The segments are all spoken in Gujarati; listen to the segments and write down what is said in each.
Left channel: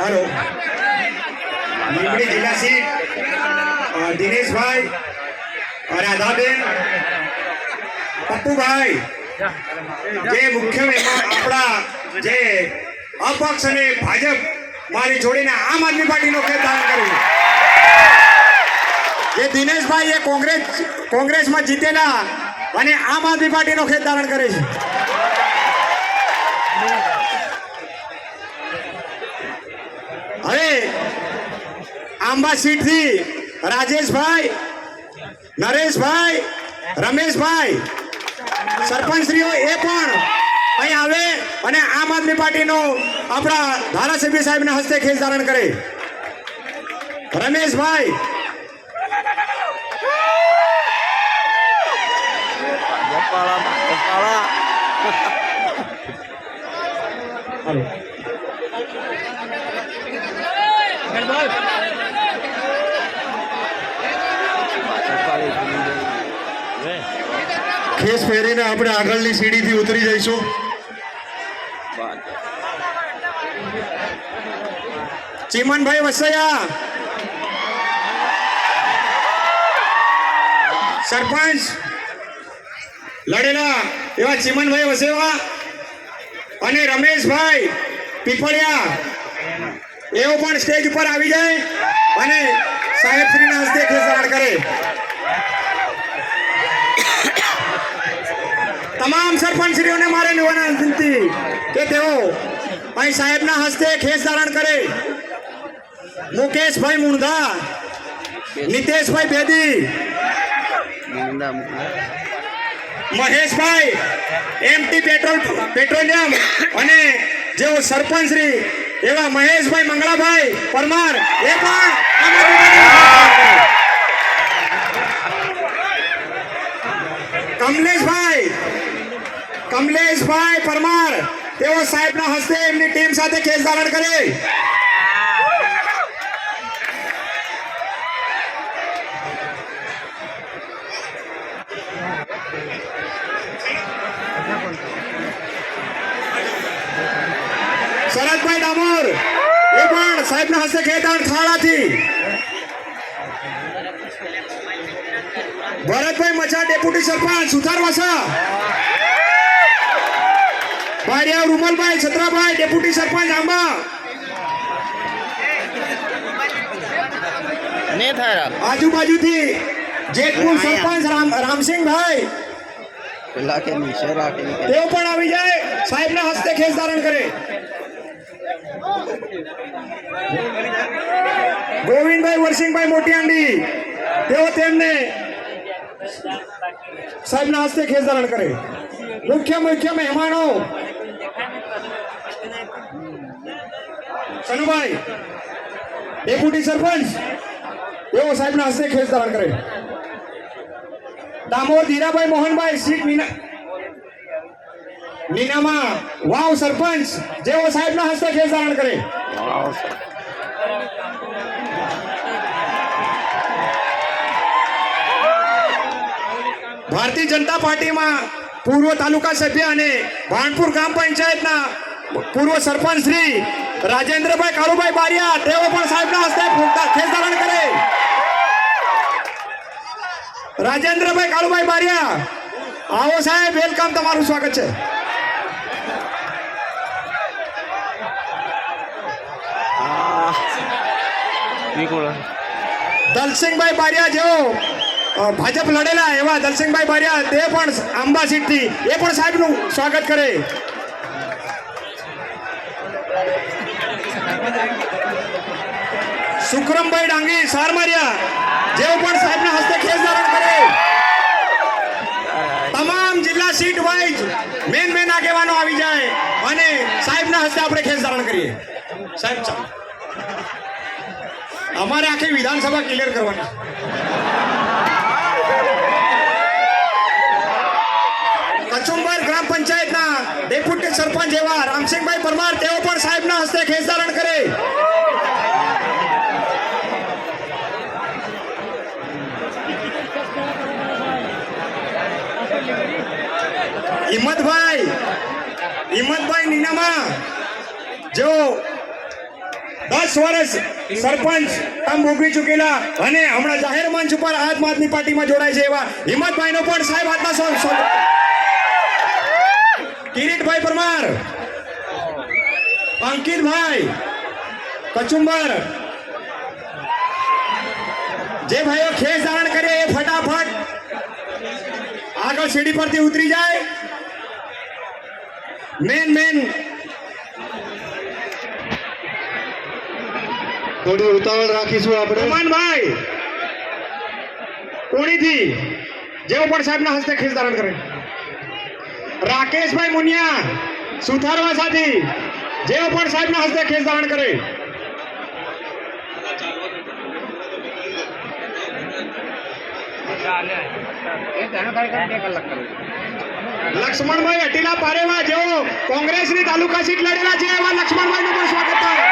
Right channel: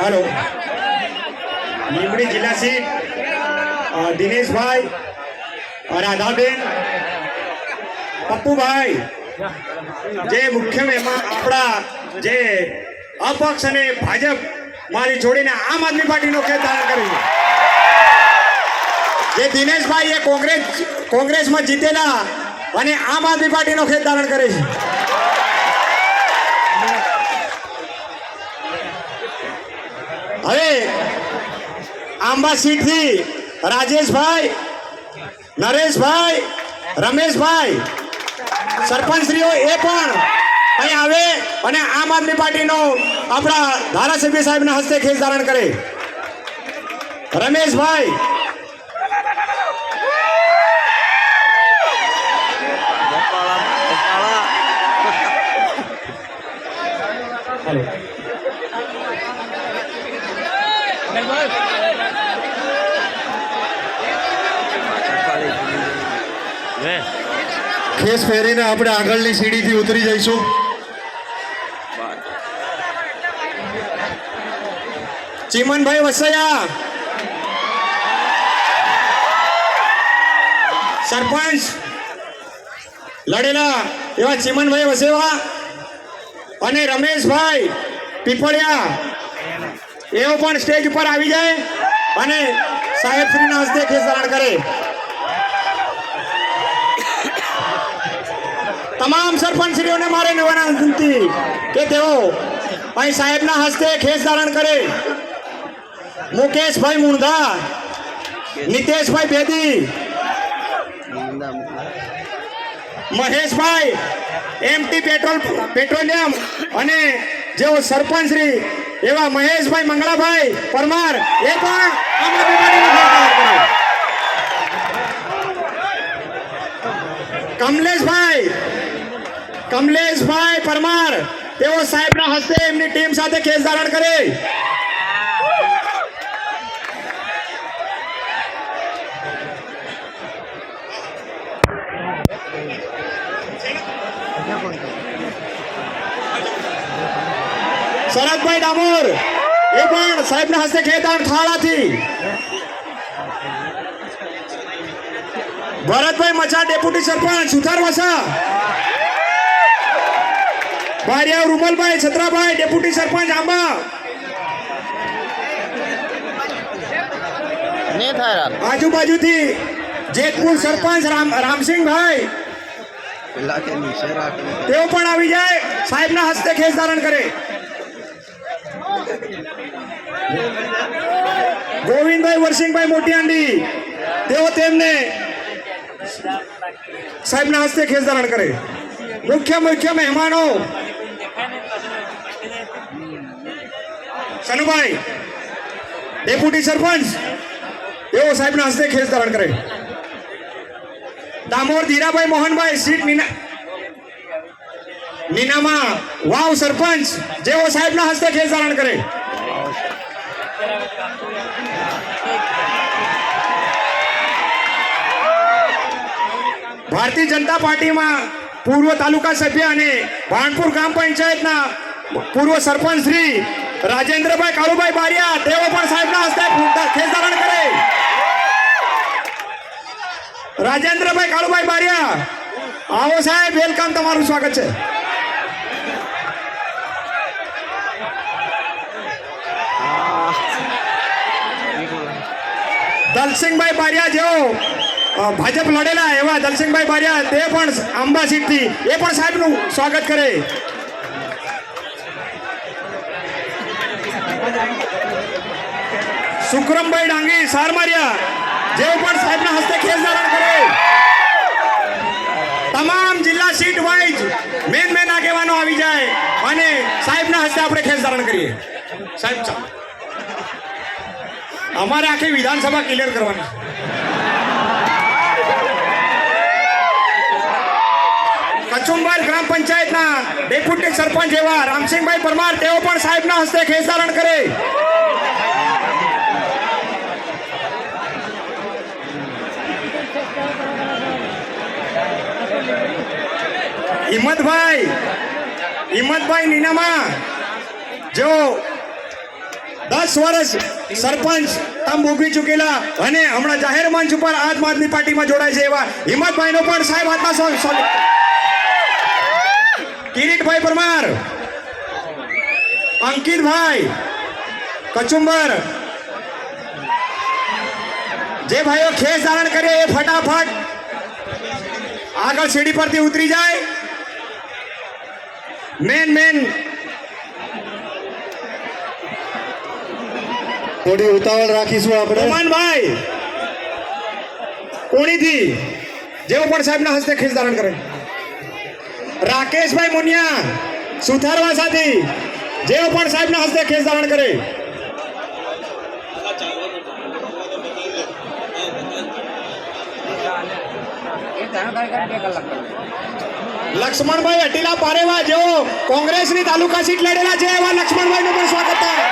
हेलो લીંબડી જિલ્લા સીટ દિનેશભાઈ રાધાબેન પપ્પુભાઈ જે મુખ્ય મહેમાન આપણા જે અપક્ષ અને ભાજપ મારી જોડીને આમ આદમી પાર્ટીનો ખેત ધારણ કર્યું જે દિનેશભાઈ એ કોંગ્રેસમાં જીતેલા અને આમ આદમી પાર્ટીનો ખેત ધારણ કરે છે. હવે આંબા સીટથી રાજેશભાઈ, નરેશભાઈ, રમેશભાઈ સરપંચશ્રીઓ એ પણ અહીં આવે અને આમ આદમી પાર્ટીનો આપણા ધારાસભ્ય સાહેબના હસ્તે ખેસ ધારણ કરે. રમેશભાઈ ખેસ પહેરીને આપણે આગળની સીડીથી ઉતરી જઈશું. ચીમનભાઈ વસૈયા સરપંચ લડેલા એવા ચીમનભાઈ વસૈયા અને રમેશભાઈ પીપળિયા એઓ પણ સ્ટેજ ઉપર આવી જાય અને સાહેબશ્રીના હસ્તે ખેસ ધારણ કરે. તમામ સરપંચશ્રીઓને મારે લેવાના વિનંતી કે તેઓ અહીં સાહેબના હસ્તે ખેસ ધારણ કરે. મુકેશભાઈ મુંધા, નિતેશભાઈ બેદી, મહેશભાઈ એમટી પેટ્રોલિયમ અને જેઓ સરપંચશ્રી એવા મહેશભાઈ મંગળાભાઈ પરમાર એ પણ આમ આદમી પાર્ટીનો ખેસ ધારણ કરે. કમલેશભાઈ પરમાર તેઓ સાહેબના હસ્તે એમની ટીમ સાથે ખેસ ધારણ કરે. શરદભાઈ ડામોર એ પણ સાહેબના હસ્તે ખેસ ધારણ ખાડાથી. ભરતભાઈ મચા ડેપ્યુટી સરપંચ સુથારવાસા. ભારિયા રૂમલભાઈ છત્રાભાઈ ડેપ્યુટી સરપંચ આંબા. આજુબાજુથી જેતપુર સરપંચ રામસિંહભાઈ તેઓ પણ આવી જાય સાહેબના હસ્તે ખેસ ધારણ કરે. ગોવિંદભાઈ વરસિંહભાઈ મોટિયાંડી તેઓ તેમને સાહેબના હસ્તે ખેસ ધારણ કરે. મુખ્ય મહેમાનો સનુભાઈ ડેપ્યુટી સરપંચ તેઓ સાહેબના હસ્તે ખેસ ધારણ કરે. દામોર ધીરાભાઈ મોહનભાઈ સીટ નીનામાં વાવ સરપંચ જેઓ સાહેબના હસ્તે ખેસ ધારણ કરે. ભારતીય જનતા પાર્ટીમાં પૂર્વ તાલુકા સભ્ય અને ભાણપુર ગ્રામ પંચાયતના પૂર્વ સરપંચ શ્રી રાજેન્દ્રભાઈ કાળુભાઈ બારિયા તેઓ પણ સાહેબના હસ્તે ખેસ ધારણ કરે. રાજેન્દ્રભાઈ કાળુભાઈ બારિયા આવો સાહેબ, વેલકમ, તમારું સ્વાગત છે. દલસિંહભાઈ બારિયા જેઓ ભાજપ લડેલા એવા દલસિંહભાઈ બારિયા તે પણ આંબા સીટથી એ પણ સાહેબનું સ્વાગત કરે. સુખરમભાઈ ડાંગી સારમારિયા જેઓ પણ સાહેબના હસ્તે ખેસ ધારણ કરે. તમામ જિલ્લા સીટ વાઇઝ મેન આગેવાનો આવી જાય અને સાહેબના હસ્તે આપણે ખેસ ધારણ કરીએ. સાહેબ અમારે આખી વિધાનસભા ક્લિયર કરવાની. કચુંબર ગ્રામ પંચાયતના ડેપ્યુટી સરપંચ એવા રામસિંહભાઈ પરમાર તેઓ પણ સાહેબના હસ્તે ખેસ ધારણ કરે. હિંમતભાઈ, હિંમતભાઈ નીનામા જેઓ 10 10 વર્ષ સરપંચ તમ ભોગવી ચૂકેલા અને હમણાં જાહેર મંચ ઉપર આમ આદમી પાર્ટીમાં જોડાય છે એવા હિંમતભાઈનો પણ સાહેબ હાથમાં કિરીટભાઈ પરમાર, અંકિતભાઈ કચુંબર, જે ભાઈઓ ખેસ ધારણ કરે એ ફટાફટ આગળ સીડી પરથી ઉતરી જાય. મેન થોડી ઉતાવળ રાખીશું આપણે. ઉમનભાઈ કોણીથી જેઓ પણ સાહેબના હસ્તે ખેસ ધારણ કરે. રાકેશભાઈ મુનિયા સુથારવા સાથી જેઓ પણ સાહેબના હસ્તે ખેસ ધારણ કરે. લક્ષ્મણભાઈ અટીલા પારેવા જેઓ કોંગ્રેસની તાલુકા સીટ લડેલા છે એવા લક્ષ્મણભાઈનું પણ સ્વાગત થાય.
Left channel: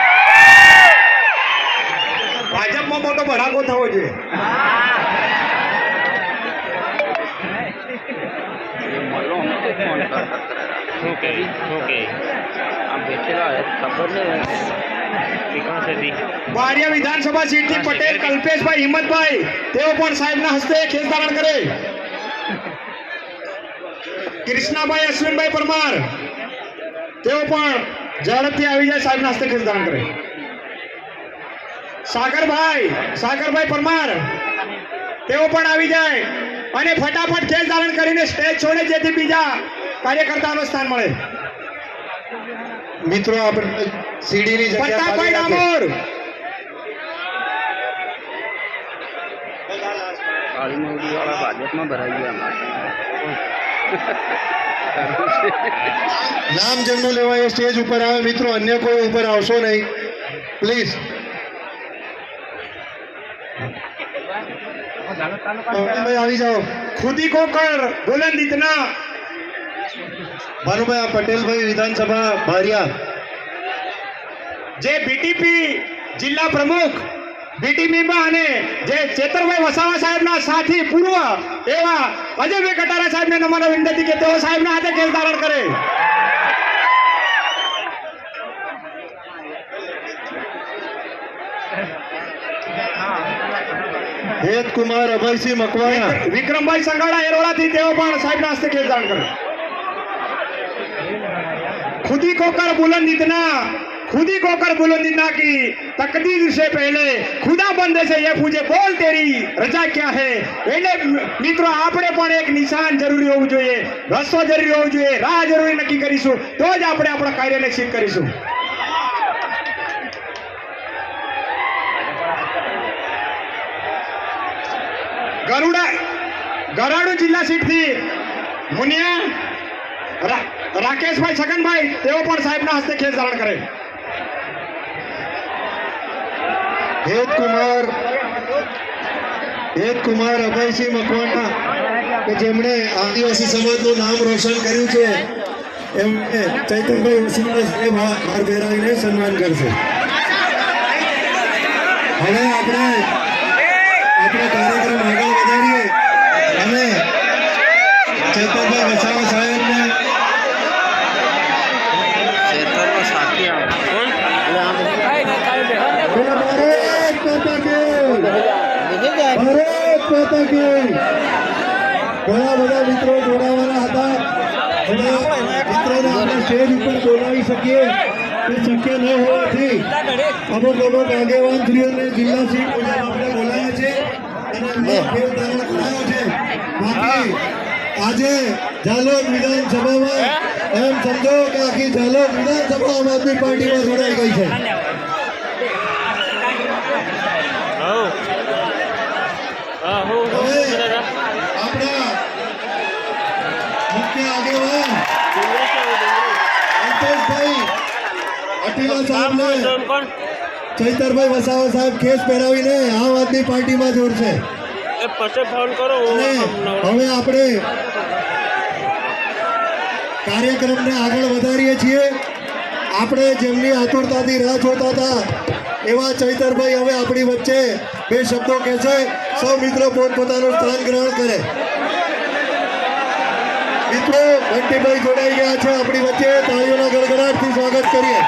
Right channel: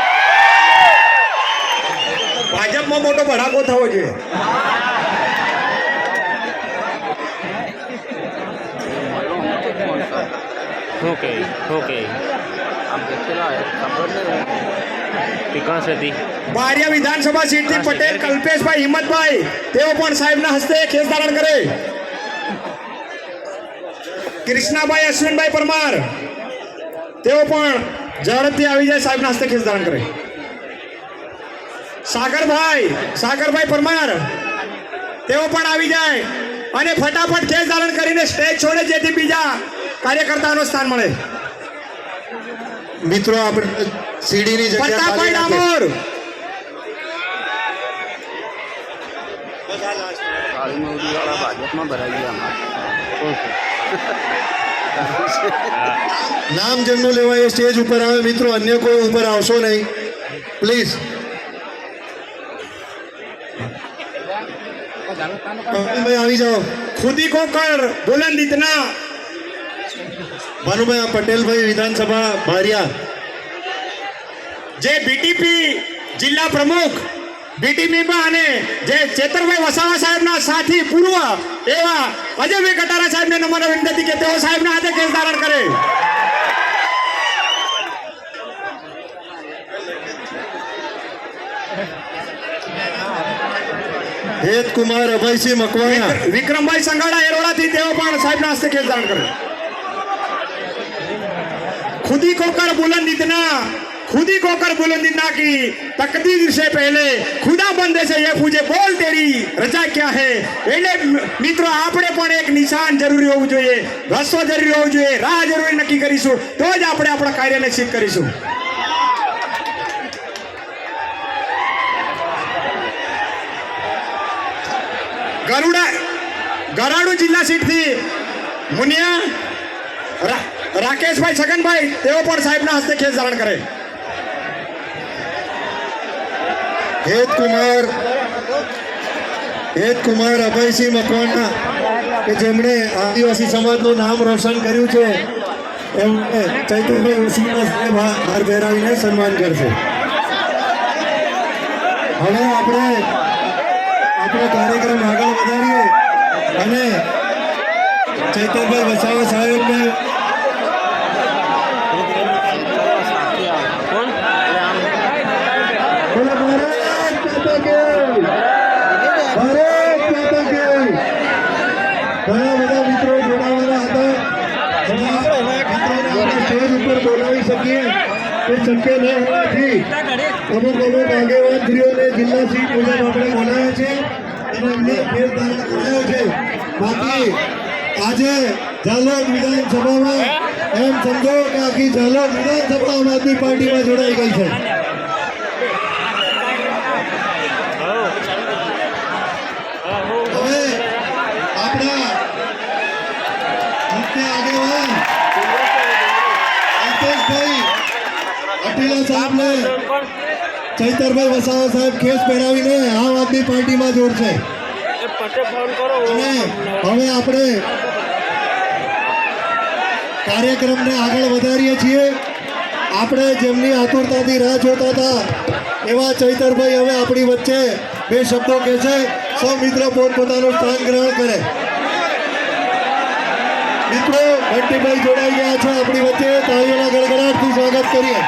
ભાજપમાં મોટો ભડાકો થવો જોઈએ. ઓકે આમ બેઠેલા ખબર ને ઠીકાણ છે. બારિયા વિધાનસભા સીટથી પટેલ કલ્પેશભાઈ હિંમતભાઈ તેઓ પણ સાહેબના હસ્તે ખેસ ધારણ કરે. કૃષ્ણાભાઈ અશ્વિનભાઈ પરમાર તેઓ પણ ઝડપથી આવી જાય સાહેબના હસ્તે ખેસ ધારણ કરે. સાગરભાઈ પરમાર તેઓ પણ આવી જાય અને ફટાફટ ખેસ ધારણ કરીને સ્ટેજ છોડે જેથી બીજા કાર્યકર્તાઓનું સ્થાન મળે. મિત્રો આપણે સીડીની જગ્યા ખાલી પ્રતાપભાઈ રાખીએ. ડામોર, કાળીમૌડીવાળા ભાજપમાં ભરાઈ ગયા અમારે. નામ જેમનું લેવાય એ સ્ટેજ ઉપર આવે. મિત્રો અન્ય કોઈ ઉપર આવશો નહીં પ્લીઝ. ભાઈ આવી જાઓ. ખુદી કો કર બુલંદ ઇતના. ભાનુભાઈ આ પટેલભાઈ વિધાનસભા બારિયા. જે બીટીપી જિલ્લા પ્રમુખ બીટીપીમાં અને જે ચેતરભાઈ વસાવા સાહેબના સાથી પૂર્વ એવા અજયભાઈ કટારા સાહેબને નમ્ર વિનંતી કે તેઓ સાહેબના હાથે કેસ ધારણ કરે. હેતકુમાર અભયસિંહ મકવાણા. વિક્રમભાઈ સંગાડા એરોડાથી તેઓ પણ સાહેબના હસ્તે કેસ ધારણ કરે. खुदी को कर बुलंद इतना की तकदीर से पहले खुदा बंदे से ये पूछे बोल तेरी रजा क्या है. એટલે મિત્રો આપણે પણ એક નિશાન જરૂરી હોવું જોઈએ, રસ્તો જરૂરી હોવું જોઈએ, રાહ જરૂરી નક્કી કરીશું તો જ આપણે આપણા કાર્યને સિદ્ધ કરીશું. ગરાડુ જિલ્લા સીટથી મુનિયા રાકેશભાઈ છગનભાઈ તેઓ પણ સાહેબના હસ્તે ખેસ ધારણ કરે. હેતકુમાર અભયસિંહ મકવાણા કે જેમણે આદિવાસી સમાજનું નામ રોશન કર્યું છે એમને ચૈતનભાઈ ઉસીને હાર પહેરાવીને સન્માન કરશે. હવે આપણે કાર્યક્રમ આગળ વધારીએ અને ચૈતનભાઈ વસાવા સાહેબને ખેતરમાં સાથી આવે કોણ ભારત માતા કે ઘણા બધા મિત્રો જોડાવાના હતા. ઘણા મિત્રોને આપણે સ્ટેજ ઉપર બોલાવી શકીએ તે શક્ય ન હોવાથી અમુક આગેવાનશ્રીઓને જિલ્લા સીટ મુજબ આપણે બોલાવ્યા છે અને એમને ફેર ધારણ કરાયો છે. બાકી આજે ઝાલોદ વિધાનસભામાં એમ સમજો કે આખી ઝાલોદ વિધાનસભા આમ આદમી પાર્ટીમાં જોડાઈ ગઈ છે. હવે આપણા મુખ્ય આગેવાન અલ્પેશભાઈ અટીલા સાહેબને ચૈતરભાઈ વસાવા સાહેબ ખેસ પહેરાવીને આમ આદમી પાર્ટીમાં જોડશે. અને હવે આપણે કાર્યક્રમને આગળ વધારીએ છીએ. આપણે જેમની આતુરતાથી રાહ જોતા હતા એવા ચૈતરભાઈ હવે આપણી વચ્ચે બે શબ્દો કહે છે. સૌ મિત્રો પોતપોતાનું સ્થાન ગ્રહણ કરે. મિત્રો બંટીભાઈ જોડાઈ ગયા છે આપણી વચ્ચે. તાળીઓના ગડગડાટથી સ્વાગત કરીએ.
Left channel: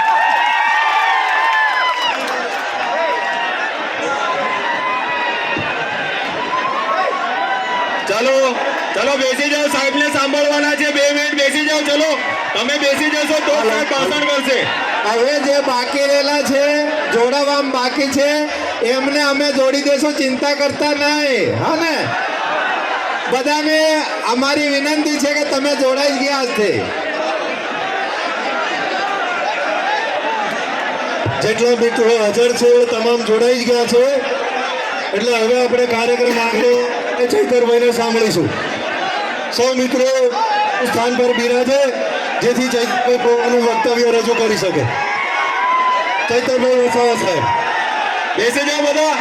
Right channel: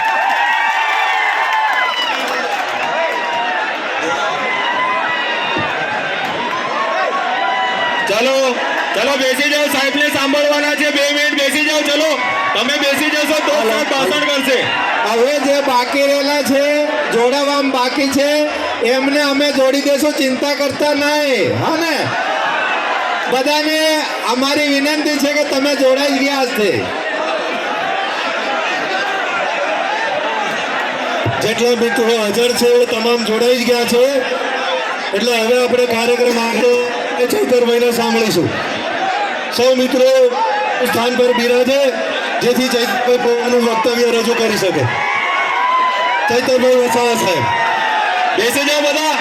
ચલો ચલો બેસી જાઓ, સાહેબને સાંભળવાના છે. 2 મિનિટ બેસી જાઓ. ચલો તમે બેસી જશો તો સાહેબ ભાષણ કરશે. હવે જે બાકી રહેલા છે જોડાવામાં બાકી છે એમને અમે જોડી દેશું, ચિંતા કરતા નહીં. હા ને, બધાને અમારી વિનંતી છે કે તમે જોડાઈ ગયા છે. જેટલા મિત્રો હાજર છે એ તમામ જોડાઈ જ ગયા છે. એટલે હવે આપણે કાર્યક્રમ આગળ ચૈતરભાઈને સાંભળીશું. સૌ મિત્રો સ્થાન પર બિરાજે જેથી ચૈતરભાઈ પોતાનું વક્તવ્ય રજૂ કરી શકે. ચૈતરભાઈ વસાવા સાહેબ બેસી જાઓ બધા.